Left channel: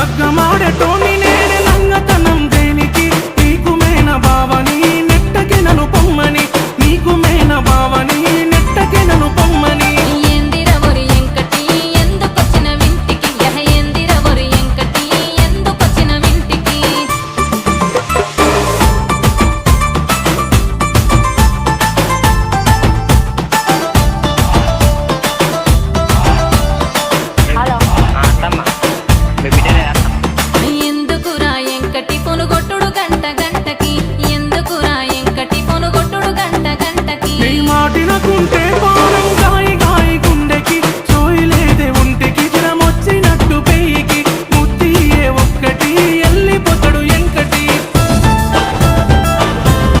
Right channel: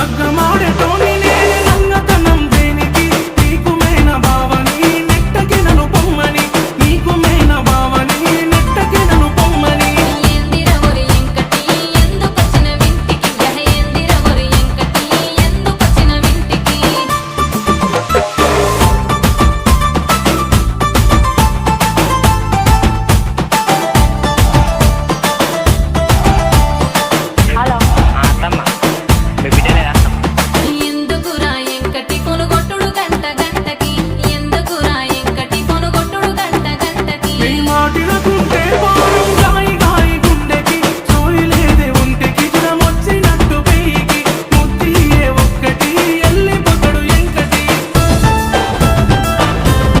లగ్గమాడేటోని నేనే లంగతనం దేనికి నీకు మేన బావని నెట్టకి నన్ను పొమ్మని నీకు మేన బావని నెట్టకి నన్ను పొమ్మని ఏందిరవరు ఎంకటి ఎందుకొచ్చిన వింటికి ఏందిరవరు ఎంకటి ఎందుకొచ్చిన వింటికి హలో అత్తమ్మ మీ బిడ్డనే అత్తమ్మ. ఎందుకురా ఎంకటి పొనుగొట్టుడు గంట గంటకి ఎందుకురా ఎంకటి పొనుగొట్టుడు గంట గంటకి నీ మాటినకుంటే